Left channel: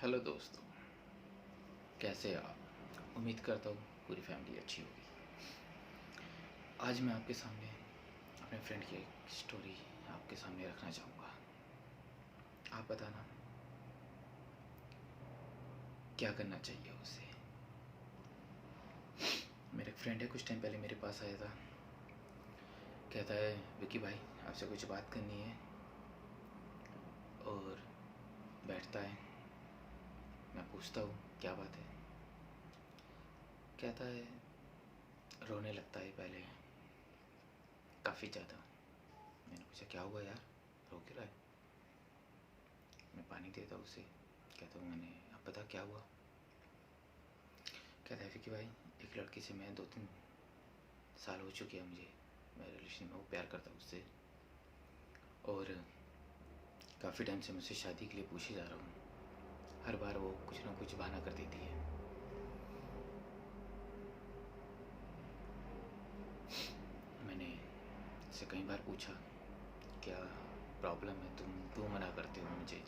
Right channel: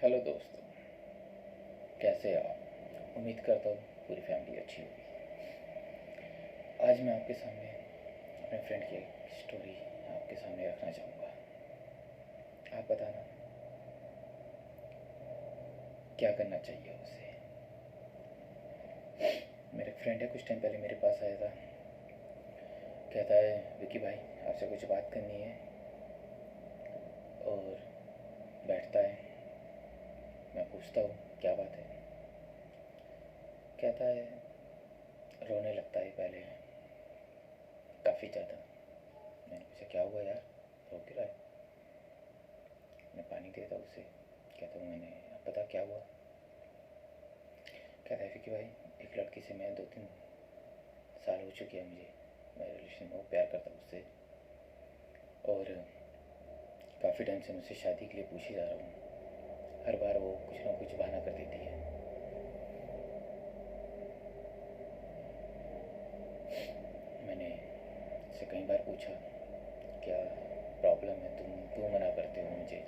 Hello दोस्तों, कैसे आप? उम्मीद करता हूँ पूरी फैमिली अच्छी होगी। आज मैं आपके सामने अपने फ्रेंड की एक स्टोरी आपके सामने रखना चाहूँगा। आप बताना क्या करना चाहिए उसे। मेरा फ्रेंड है, कुछ टाइम पहले मेरे पास आया था। कहता है विकी भाई, आपसे कुछ बात करनी है। और बैठता है, मैं पूछता हूँ क्या बात है। कहता है रोने लगता है पहले, काफ़ी ज़्यादा। मैंने पूछा क्या हुआ यार, रो क्यों रहा है? मैं पानी देता हूँ उसे। कहता हूँ मैंने, अब पता क्या हुआ? कहता है विकी भाई, एक लड़की से मैं 2-3 साल हो चुके हैं मुझे, मैं रिलेशन में, वो प्यार करता हूँ उससे। और काफ़ी टाइम से मुझसे शादी के लिए पूछ ही जा रहा हूँ। हर बार वो कुछ ना कुछ बहाना कर देती है। मैंने उससे कई बार पूछा क्या प्रॉब्लम है, तुम क्यों मना करते हो मुझे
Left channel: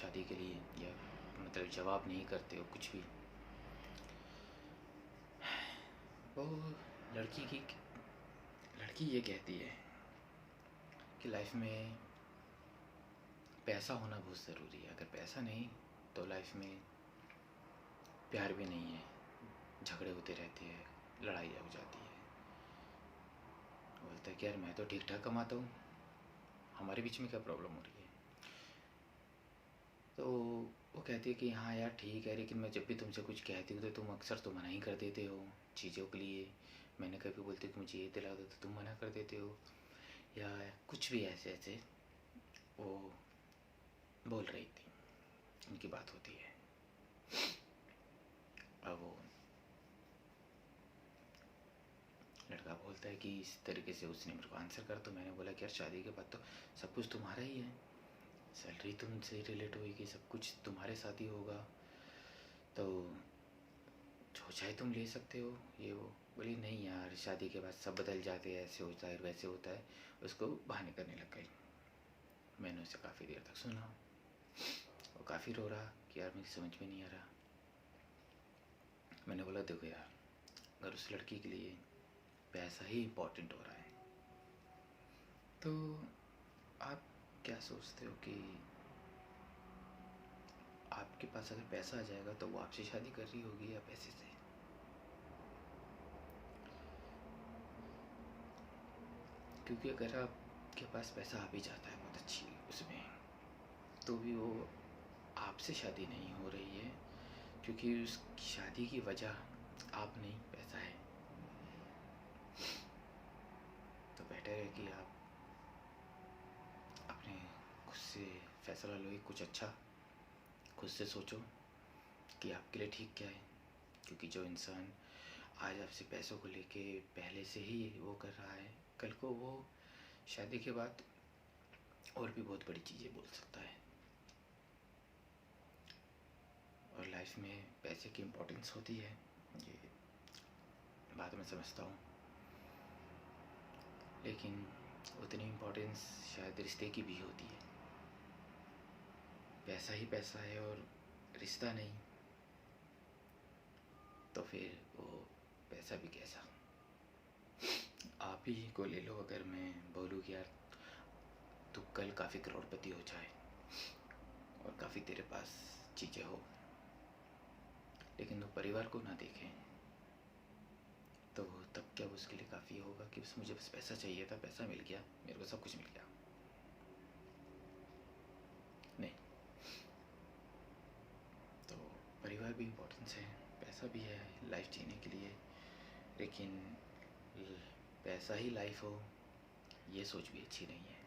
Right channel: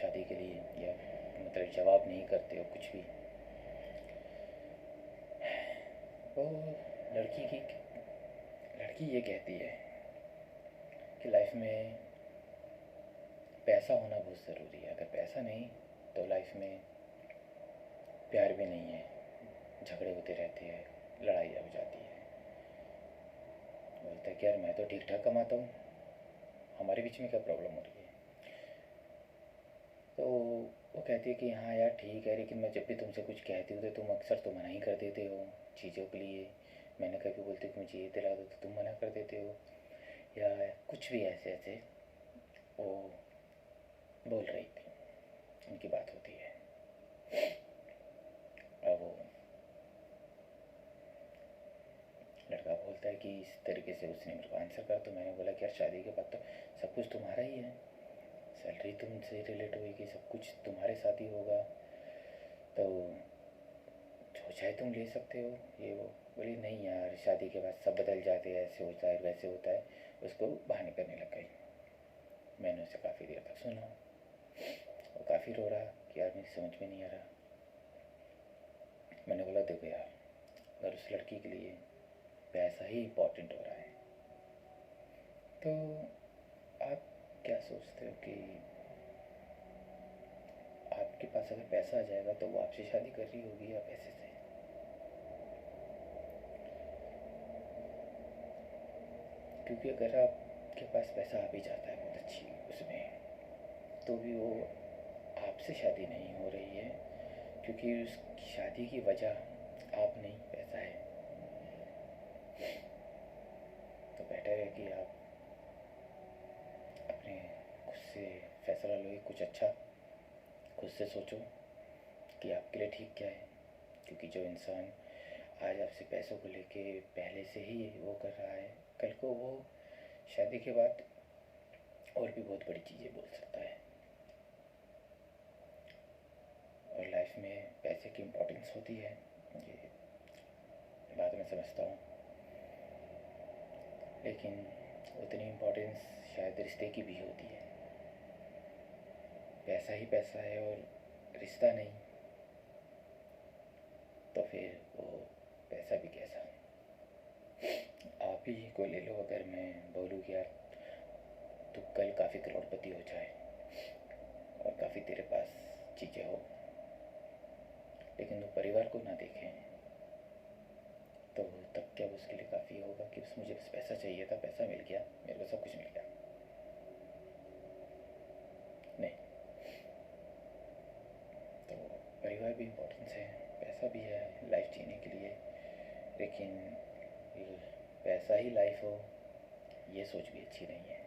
शादी के लिए, या मतलब जवाब नहीं करते हो कुछ भी। वो लड़की ये कहती है कि लाइफ में पैसा होना बहुत ज़रूरी है। अगर पैसा नहीं तो लाइफ में प्यार भी नहीं है, झगड़े होते रहते हैं, लड़ाई हो जाती है। बोलता है कि यार मैं तो ठीक ठाक कमाता हूँ, हमारे बीच में क्या प्रॉब्लम हो रही है? तो वो कहती है कि हाँ यार ठीक है, लेकिन मैं जब भी तुमसे कुछ कहती हूँ तो तुम अक्सर तो मना ही कर देते हो चीज़ों के लिए। मैंने कभी बोलती कि मुझे ये दिला दो तो तुम मना कर देते हो, या कुछ भी ऐसे ऐसे वो बोल रही थी। उनकी बात होती है। अब वो लड़का बोलता है कि इस तरीके से उसने मेरे को आंसर कर। तो मैंने बोला कि यार शादी के बाद तो सब कुछ तुम्हारा ही है, सैलरी तुमसे रिलेट होगी, सब कुछ तुम्हारे साथ ही होगा, तो जो चाहे तुम ले सकते हो। ये वो बोली नहीं यार, शादी के बाद सब बदल जाते हैं, ऐसे होता है वैसे होता है। उसको बहाने करने लग गई। मैंने उसे काफ़ी देर तक सुना। वो काफ़ी रो रहा कि यार मुझे समझ में नहीं आ रहा। मैंने बोला देखो यार, अगर उस लड़की के लिए पैसा ही इम्पोर्टेंट हो रहा है तो आप क्या सोचते हो कि आपके पास अगर पैसा आ जाएगा तो वो आपसे शादी कर रही होगी या पैसे से? क्योंकि अगर आपके पास पैसा आ भी जाता है बहुत अच्छी उसमें, तो भी वो आपसे शादी नहीं हो रही है, क्योंकि उस शादी की वजह आप नहीं, पैसा है। तो बेटर है कि आप अपने खुद से फैसला लो, कुछ अच्छा खुद से सोचो कि आपके लिए ठीक क्या है। क्योंकि जो इंसान आज आपसे पैसों को लेके पहले से ही वो कर रहा है, कल को वो शादी के बाद और भी बहुत बड़ी चीज़ें बोल सकता है। और लाइफ में पैसे की इम्पोर्टेंस होती है, ये बात मैं समझता हूँ, लेकिन उतनी इम्पोर्टेंस शायद रिश्ते की भी होती है। पैसा ही पैसा है और रिश्ता नहीं, तो फिर वो पैसा भी कैसा। आप ही को ले लो, अगर मैं बोलूँ कि यार तू कल काफ़ी करोड़पति हो जाए और काफ़ी तेरे पास चीज़ें हो, लेकिन वो परिवार को ना देखें, तो तब क्या उसके लिए काफ़ी होगा कि बस मुझे बस पैसा चाहिए था, पैसा मिल गया, मेरे को सब कुछ मिल गया? नहीं। तो परिवार भी इम्पोर्टेंस है, पैसा भी है लाइफ जीने के लिए, लेकिन पैसा ही लाइफ हो ये सोच भी अच्छी नहीं है।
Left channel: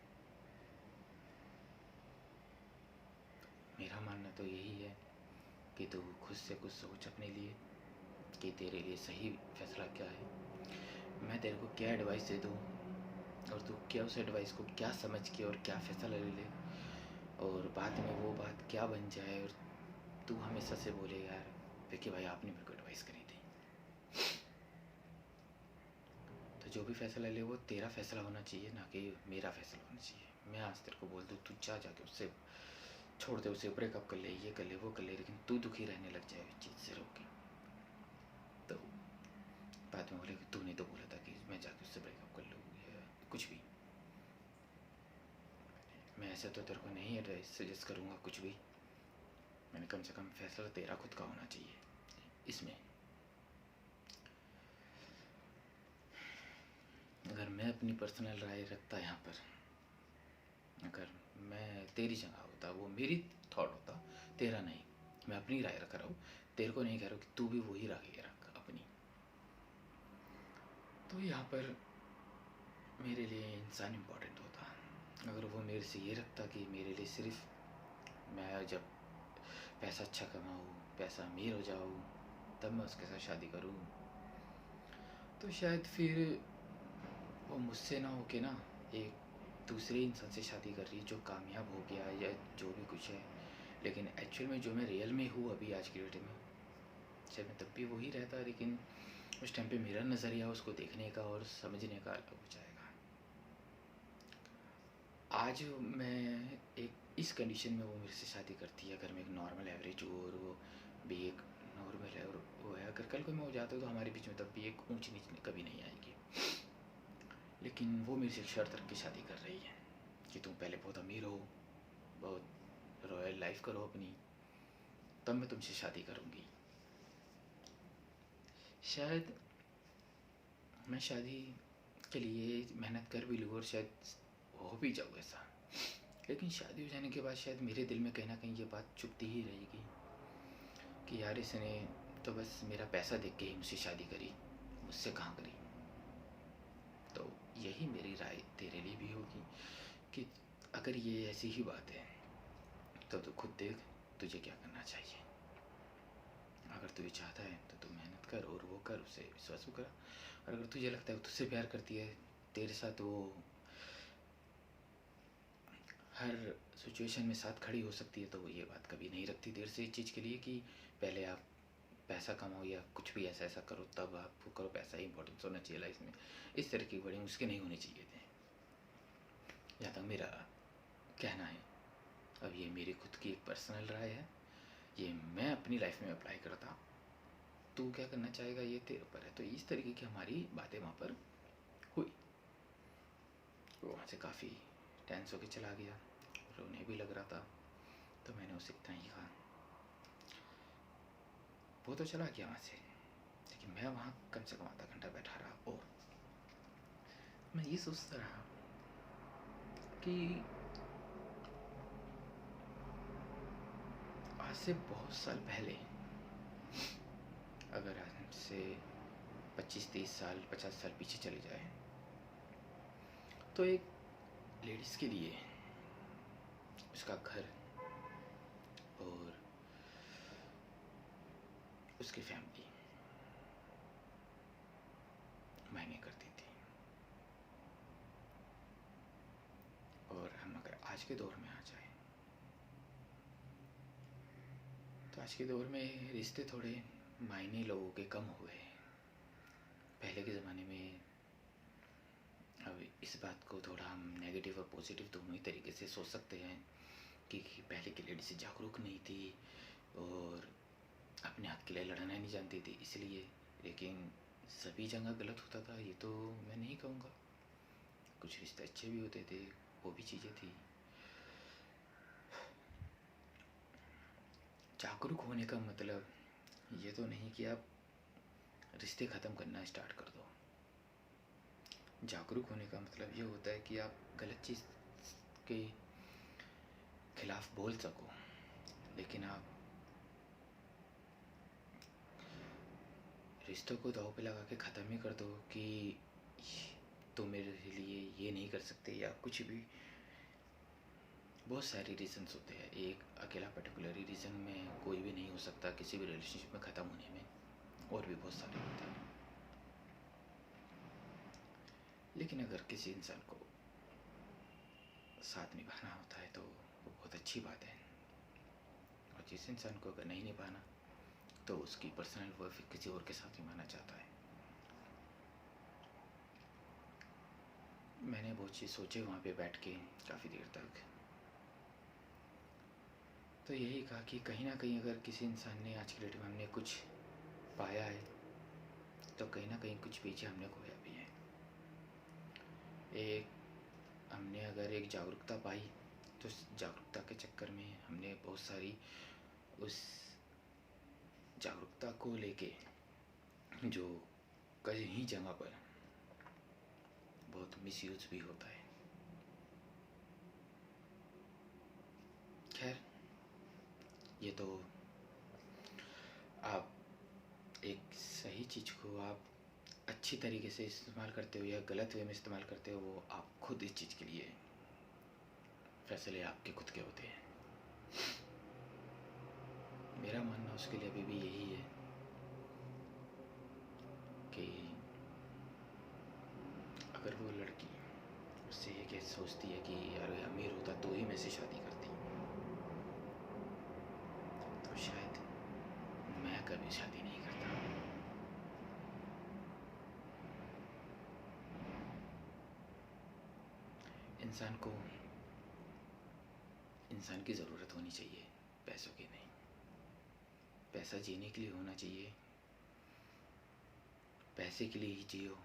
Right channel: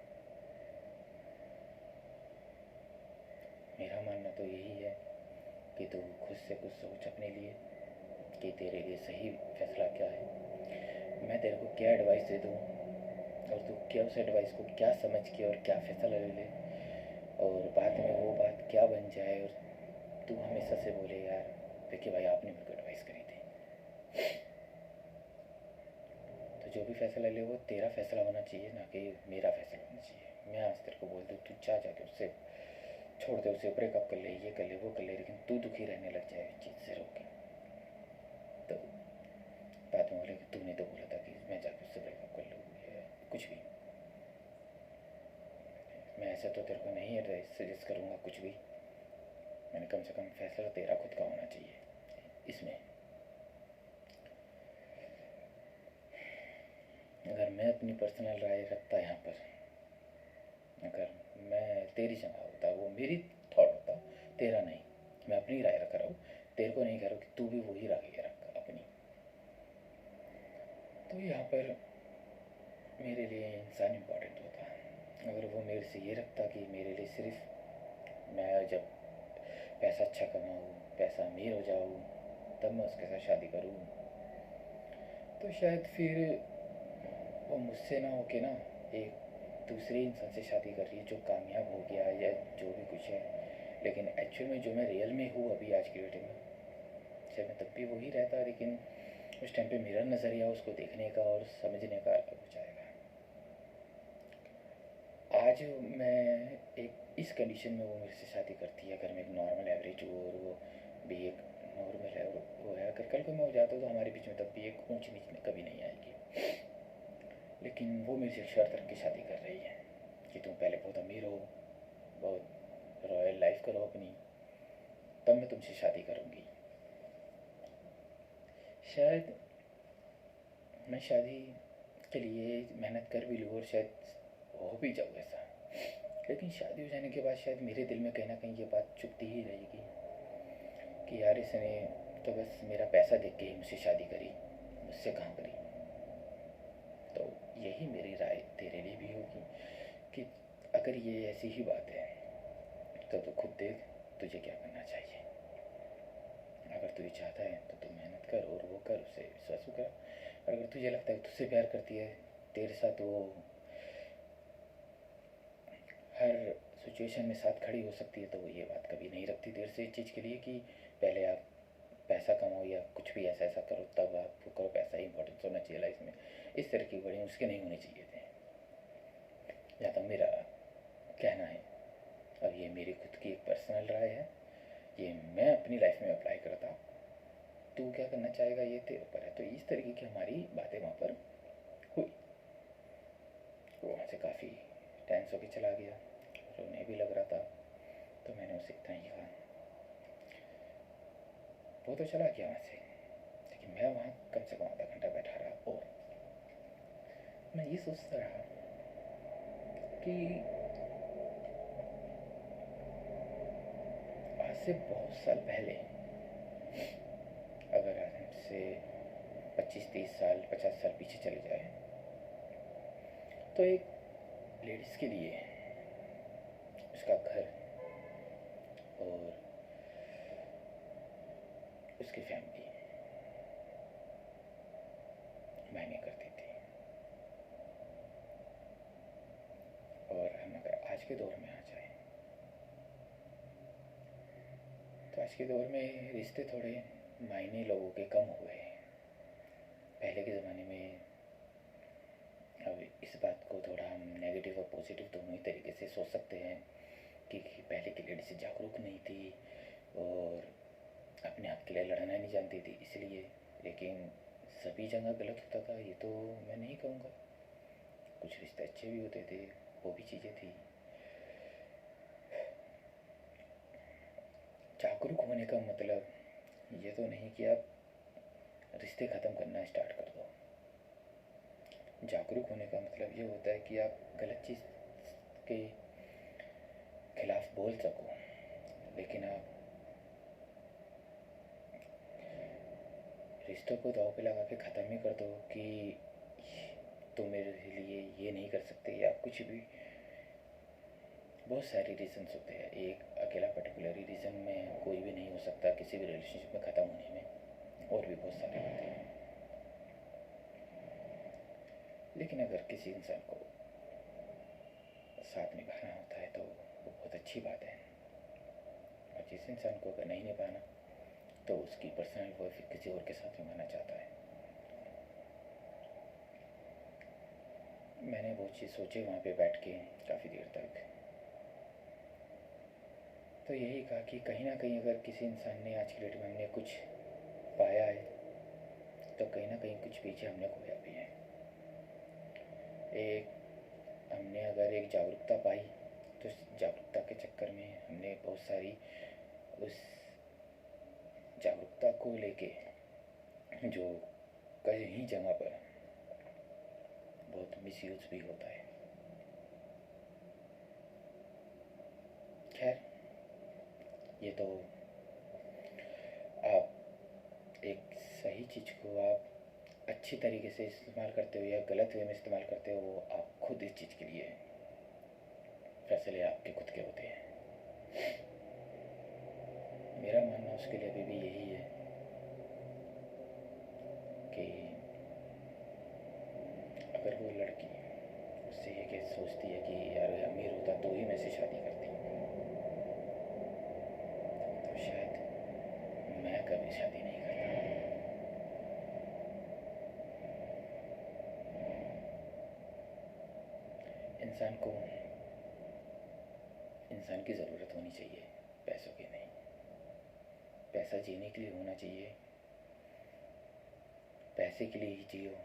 मेरा मानना तो यही है कि तू खुद से कुछ सोच अपने लिए कि तेरे लिए सही फैसला क्या है। मैं तेरे को क्या एडवाइस दे दूँ और तू क्या उस एडवाइस को क्या समझ के और क्या फ़ैसला ले ले, और बाद में वो बात क्या बन जाए और तू हमेशा से बोले यार देखिए भाई आपने मेरे को एडवाइस करी थी। तो जो भी फ़ैसला ले वो तेरा फ़ैसला होना चाहिए, ना कि मेरा फ़ैसला होना चाहिए। मैं आज तेरे को बोल दूँ तू जा जाके उससे छोड़ दे उसे, ब्रेकअप कर ले, ये कर ले, वो कर ले, लेकिन तू दुखी रहने लग जाए उस चीज़ से रोक के। तो बाद में बोले कि तूने तो बोला था कि मैं जाके उससे ब्रेकअप कर लूँ या कुछ भी। मैं ऐसा तो तेरे को नहीं एडवाइस सजेस्ट करूँगा कुछ भी, मैंने कम से कम फैसला तेरा खुद का होना चाहिए इसमें। अगर मैं अपनी पर्सनल राय रखता यहाँ पर, अगर मैं तेरी जगह होता, वो मेरी थॉट होता, तेरा नहीं, मैं अपनी राय रख रहा हूँ, तेरे को नहीं कह रहा हूँ कि तू भी वही राय रख अपनी। तो यहाँ पर मेरे लिए इंसान इम्पोर्टेंट होता। अगर वो मेरे से ये रखता कि मेरे लिए सिर्फ मैं जब पैसा अच्छा कमाऊँ, पैसा अमीर हो जाऊँ, तब मैं उसके साथ शादी करूँ, तो शायद फिर वो मुझसे ना होके ना एक दूसरे इंसान से शादी कर रही है जो कामयाब हो गया या जो भी कुछ है। लेकिन एक्चुअल में जो मैं रियल में हूँ अभी आज की डेट में, शायद मैं तब भी वही रहता, लेकिन उस टाइम पे मेरा नज़रिया उसको देखने का और समझने का अलग हो जाएगा। आज मैं एक इस कंडीशन में वो मेरे से शादी करती है, अगर मैं एक नॉर्मल एवरेज हूँ और वो भी एक नॉर्मल है, और वो है, अगर कल को मैं हो जाता हूँ तो हमारे बीच में तब भी एक ऊंच नीच कभी नहीं आएगी। लेकिन वो मेरे से एक शर्त रख के शादी कर रही है कि तुम पहले बहुत अमीर हो, बहुत रॉयल लाइफ करो अपनी, तब मैं तुमसे शादी करूँगी। शायद मैं शादी के लिए मेहनत कर भी लूँ और शायद हो भी जाऊँ ऐसा, लेकिन शादी हो जाने के बाद शायद मेरे दिल में कहीं ना कहीं ये बात चुभती ही रहेगी कि यार इसने तो बस मेरा पैसा देख के ही मुझसे शादी करी, मुझसे कहाँ करी। तो यही मेरी राय तेरे लिए भी होगी कि अगर ये ऐसी ही बात है तो खुद देख तुझे क्या करना चाहिए। अगर तुझे चाहता है तो तू मेहनत कर और वो कर, उसे विश्वास कर। और अगर तुझे लगता है तुझसे प्यार करती है, तेरे साथ वो हर सिचुएशन में साथ खड़ी हो सकती है, तो वो ये बात कभी नहीं रखती देर से इस चीज़ के लिए कि पहले आप पैसा कमाओ या कुछ भी ऐसा ऐसा करो तब आप वो करो, पैसा ही इंपॉर्टेंस होना चाहिए लाइफ में। इस तरह की बड़ी मुश्किल नहीं होनी चाहिए थे, जहाँ तक मेरा कहना है। अब ये मेरी खुद की एक पर्सनल राय है, ये मैं अपनी लाइफ में अप्लाई करता, तू क्या करना चाहेगा ये तेरे ऊपर है। तो इस तरीके की हमारी बातें वहाँ पर हुई। वो वहाँ से काफ़ी टेंस होकर चला गया और उन्हें भी लग रहा था, तो मैंने उसे इतना ही कहा। वो तो चला गया वहाँ से, लेकिन मैं वहाँ कम से कम आधा घंटा बैठा रहा और मैं ये सोचता रहा कि आज से बहुत साल पहले, अगर आज से 25-30 साल 50 साल पीछे चले जाए, तो एक लेडीज़ के लिए उसका घर और उसकी फैमिली मायने करती थी। और हम अगर आज के दौर में आ जाए तो आज के दौर में रिश्ते थोड़े मायने लोगों के कम हुए हैं। पहले के ज़माने में, अब इस बात को थोड़ा हम नेगेटिव और पॉजिटिव दोनों ही तरीके से सोच सकते हैं कि पहले की लेडीज़ जागरूक नहीं थी और अपने हक के लिए लड़ना नहीं जानती थी इसलिए, लेकिन सभी जगह गलत होता था ये तो मैं नहीं कहूँगा। कुछ रिश्ते अच्छे भी होते थे, वो भी चीज़ें थी। जागरूक होने का मतलब ये तो नहीं कि आप रिश्ते ख़त्म करना स्टार्ट कर दो। जागरूक होने का मतलब ये होता है कि आप गलत चीज़ के खिलाफ बोल सको, लेकिन आप रिश्तों को दाव पे लगा के ख़त्म ही कर दो कि तो मेरे लिए ये नहीं कर सकते या कुछ भी। बहुत सारे रीज़न्स होते हैं, एक अकेला पर्टिकुलर रीज़न में कोई भी नहीं हो सकता किसी भी रिलेशनशिप में ख़त्म होने में, और भी बहुत सारे होते हैं। लेकिन अगर किसी इंसान को साथ निभाना होता है तो वो बहुत अच्छी बात है, और जिस इंसान को अगर नहीं निभाना तो उसकी पर्सनल वो फिर किसी और के साथ निभाना चाहता है। मैंने बहुत चीज़ सोचे वहाँ पे बैठ के काफ़ी देर तक। तो यही कहा कि कहीं ना कहीं अगर किसी इंसान ने आज की डेट में हमने कुछ पाया है तो कहीं ना कहीं कुछ पीछे हमने खोया भी है। एक हमने अगर एक जागरूकता पाई तो उस जागरूकता के चक्कर में हमने बहुत सारी उस जागरूकता को लेके जो कहीं जगह पर बहुत मिसयूज भी होता है। खैर, ये तो आप एक सही चीज़ को आप अच्छी तरीके से इस्तेमाल करते हो या गलत वे में इस्तेमाल करते हो, वो आप खुद इस चीज़ के लिए फैसले आपके खुद के होते हैं। मेरा मानना उसके लिए अभी भी यही है कि अगर वो लड़की उससे ये क्या सोचती है कि यार अमीर होता तो ही मैं से शादी करती, तो शायद मैं कभी शादी नहीं करता। इंसान को इंसान की ज़रूरत होनी चाहिए, पैसों की नहीं। पैसा जीने के लिए होना चाहिए, पैसे के लिए ही जियो,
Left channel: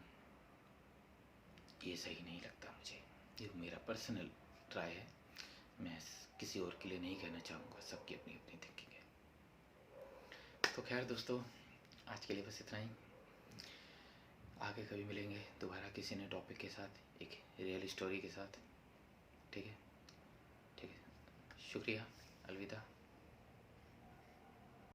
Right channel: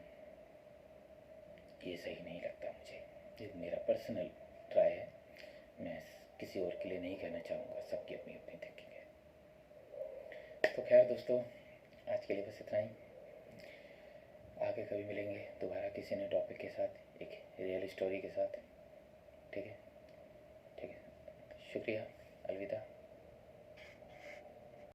ये सही नहीं लगता मुझे। ये मेरा पर्सनल राय है, मैं किसी और के लिए नहीं कहना चाहूँगा, सबकी अपनी अपनी थिंकिंग है। तो खैर दोस्तों, आज के लिए बस इतना ही। आगे कभी मिलेंगे दोबारा किसी नए टॉपिक के साथ, एक रियल स्टोरी के साथ। ठीक है, ठीक है, शुक्रिया, अलविदा।